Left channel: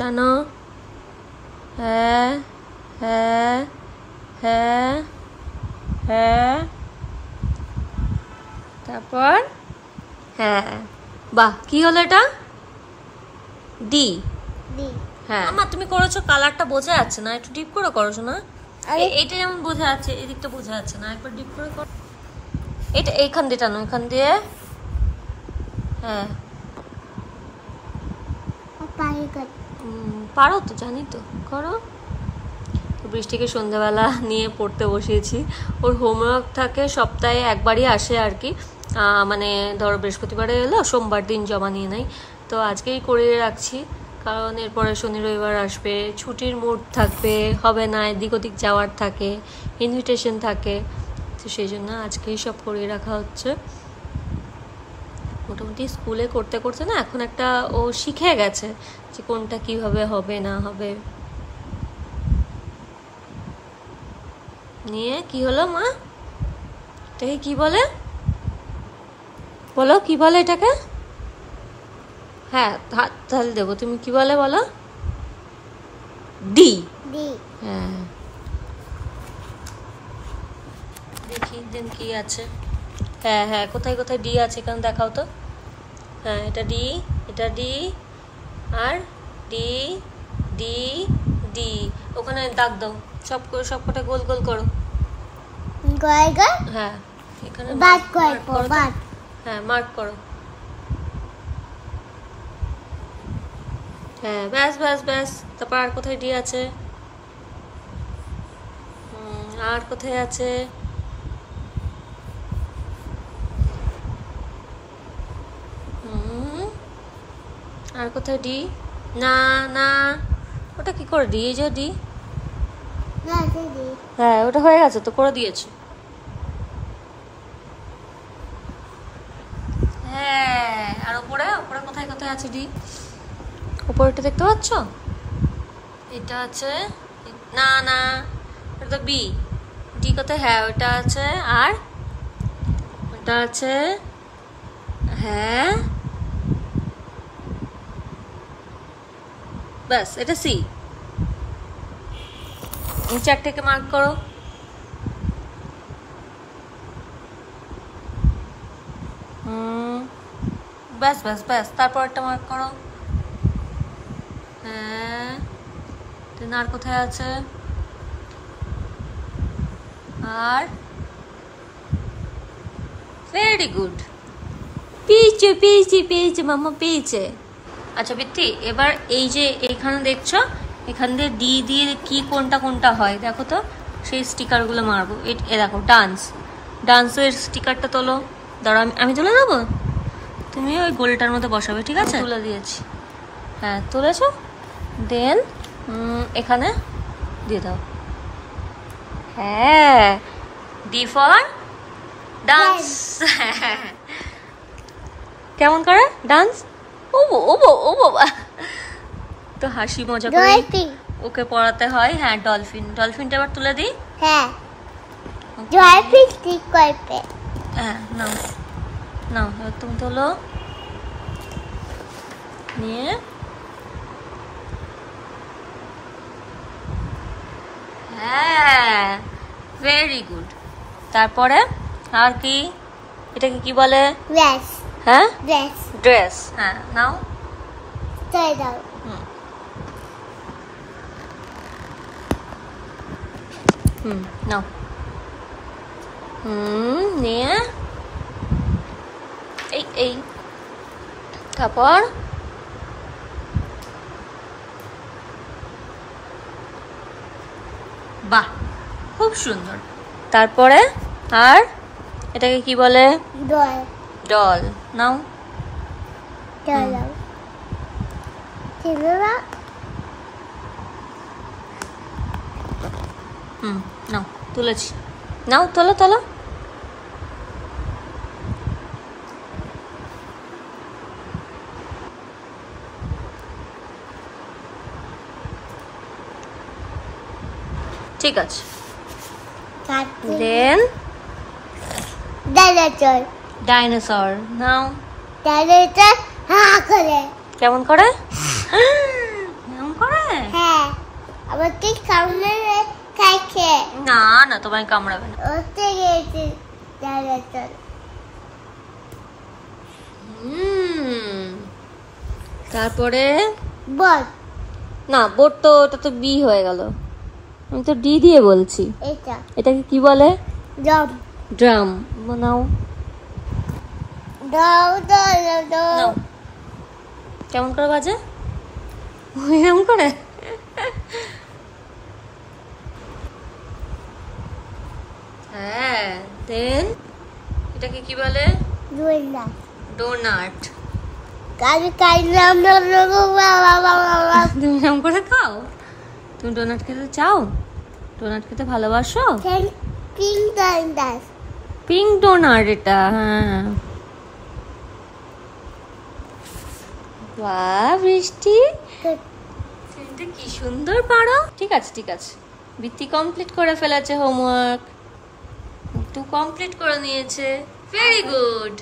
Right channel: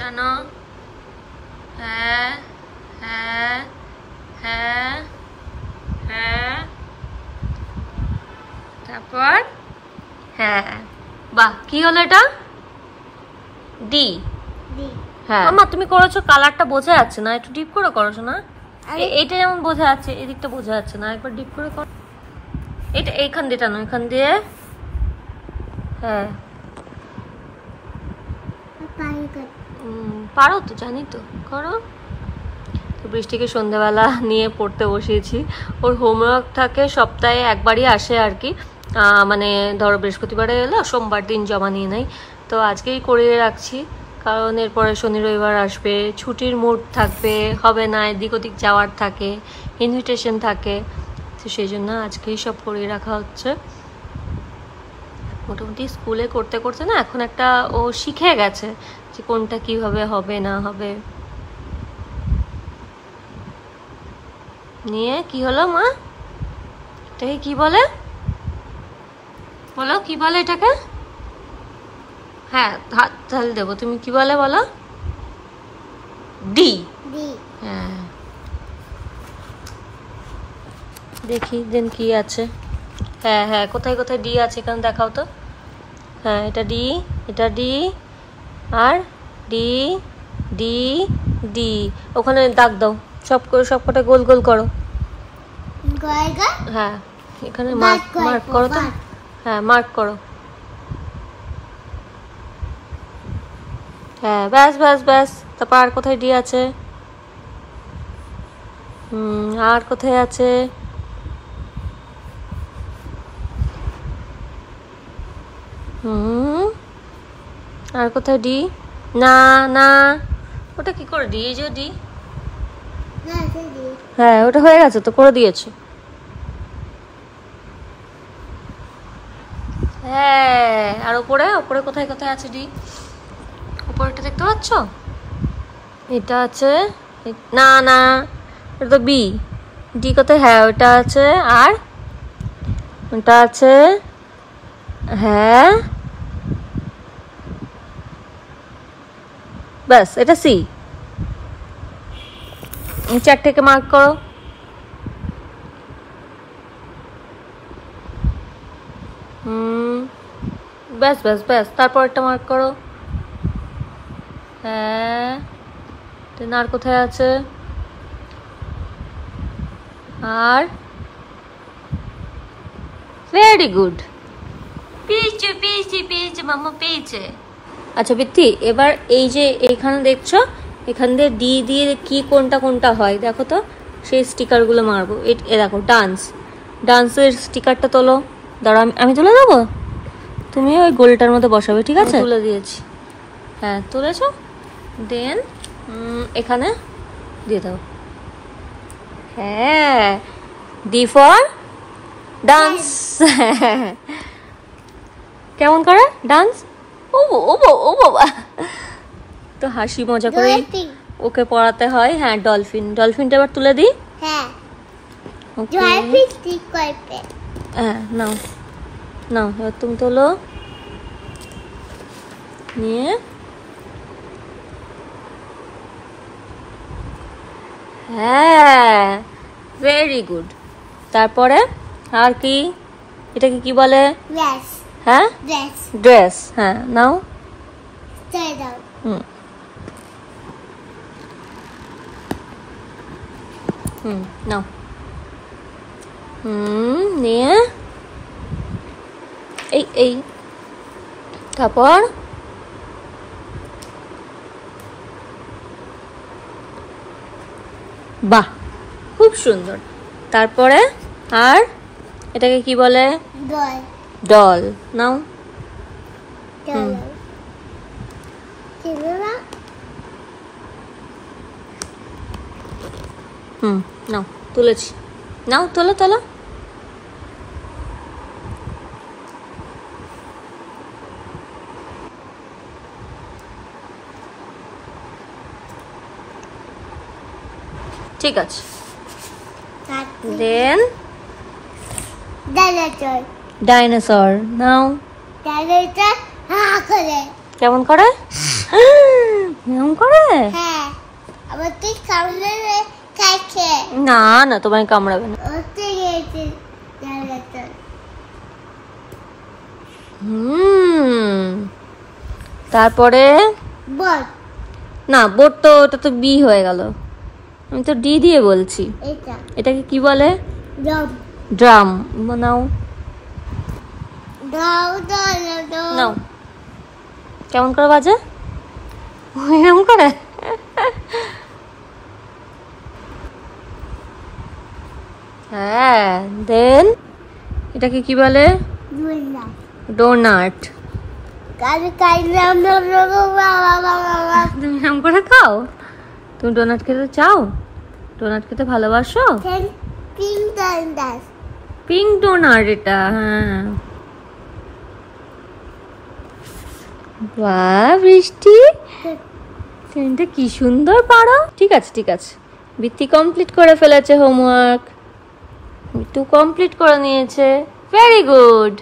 টানো। হ্যাঁ হ্যাঁ হ্যাঁ হ্যাঁ, তারপর হ্যাঁ। বাহ, কি হলো এটা? ডি। হ্যাঁ মামা তুমি করেছো, কালারটা বোঝা যাচ্ছে না, একটু ডিপ করে করেছো না? এটা যেমন বোঝা যাচ্ছে, এদিকটা বোঝা যাচ্ছে না, একবার ডিপ করে করো। এটা এইখান দিয়ে টানো, এখান দিয়ে। হ্যাঁ পারো তো, জানি তো, করো। তো বৃষ্টিকে সন্ধ্যাবেলা নিয়ে পড়তে বসিয়েছি। ওর হোমওয়ার্ক থাকে সপ্তাহে একবারই আসে আর কি, মানে ধরো বৃহস্পতিবারে এলো, সোমবার দিন জমা নিয়ে নেয়। তো আজকেই করিয়ে রাখছি, কারণ এরপরে শনি রবিবার আসবে, ছুটির মুড থাকবে, হবে না, এদিক ওদিক যাওয়ার থাকে, ইনভিটেশন থাকে, তো সেই জন্য আজকেই সব করিয়ে রাখা হচ্ছে। মোটামুটি স্কুলে করতে করতে না এখন একটা ও শিখে গেছে যে কোনটা কিভাবে হবে না হবে। নিয়ে কি হলো মা? এটাকে কি বলে বলো, কি বলে এটাকে? হ্যাঁ হাত তাহলে দেবো, তুমি কি বলে বলো? ডি। হ্যাঁ দেখি দেন কি আছে। হ্যাঁ হ্যাঁ, কোথায় কোথায় ডি আছে এখানে দেখাও তো। হ্যাঁ এটা ডি, এটা ডি, আর ডি ডি ডি। ওখানে দাগ দাও, সব করে সব কটা গোল গোল করো। হ্যাঁ এখানে মার্ক করো তো। হ্যাঁ মার্ক করো। হ্যাঁ ব্যাস ব্যাস ব্যাস। তারপর আর কোথায় ডি আছে? আর কোথায় আছে? আর কোথায় ডি? না না, ওটা কি করে ডি? এই যে ডি। হ্যাঁ ওটা হয়ে গেছে তো, করে দিয়েছো। হ্যাঁ আর ওপরে, ওপরে কোথায় কোথায় আছে ডি? ওপরেটা দেখতে পাচ্ছ? এটা আছে, না না এটা তো বি। ডি কোথায়? হ্যাঁ ওটা আছে, আর ওটা আছে। হ্যাঁ ব্যাস, এটা সি। চারটেকে মার্ক করো। ব্যাস ব্যাস ব্যাস, তারপর একটা মার্ক করো। হ্যাঁ আর কোথায় আছে? আর ভেরি গুড, পেয়েছে পেয়েছে পেয়েছে মামা পেয়েছে। আচ্ছা বৃত্তি, এবার এই যে এইখানে দেখছো, এখান দিয়ে ডি দিয়ে কি কোনটা কোনটা হয় দেখো তো, সেই স্টিকারগুলো মারবো। এ দেখো ডান্স, ডান্সের স্টিকারটা তোলো। দাঁড়াও আমি তুলে দেবো, তুমি ওই গোলটার মধ্যে বসাবে, ঠিক আছে? তুলে দিয়েছি। হ্যাঁ তুলেছো, দেন এখানে দিয়ে দাও। হ্যাঁ ডি ফর ডান্স। কেমন করে ডান্স? ও ও বাবা, তো হাসি মজা করে ওকে পড়াতে হয়। হ্যাঁ ডলফিন, ডলফিনটা এবার তুলে দিই। হ্যাঁ নাও নাও, এবার তুমি তোলো, নিয়ে হ্যাঁ ভেরি গুড। তারপরে আর কি, এটাকে কি বলে? হ্যাঁ ড্রেস। হ্যাঁ নাও, নাও। নিয়ে এই এই, তারপর বাহ খুব সুন্দর। তারপরে আর এটাকে কি বলে? ডল। নাও নাও, তুলেছি, নাও তোলো তোলো। ঠিক আছে, দেন ডাইনোসর। নাও কেমন করে? না না, তোমায় কামড়াবে না। তারপরে বল না, বোট তো ওটা তো বি হয়ে গেল, আমি তো ডি দিয়ে বলছি। এটাকে কি বলে? ড্রাম। ড্রাম। নাও নাও, কেমন করে বাজে? এরকম করে। হ্যাঁ, দেন এটাকে কি বলে? ডোনাট। তুমি এরকম করে খাও? তুমি ডোনাট খেতে চাও? ডোনাট খেতে ভালোবাসো? পিঙ্ক ডোনাট এটা। হ্যাঁ, বাহ বৃষ্টি, এটা কি সুন্দর পারো। ঠিক আছে ঠিক আছে, বৃত্তি কমপ্লিট করে ফেলেছে হোমওয়ার্ক, একটু কমপ্লিট করে নিয়েছে। Very good.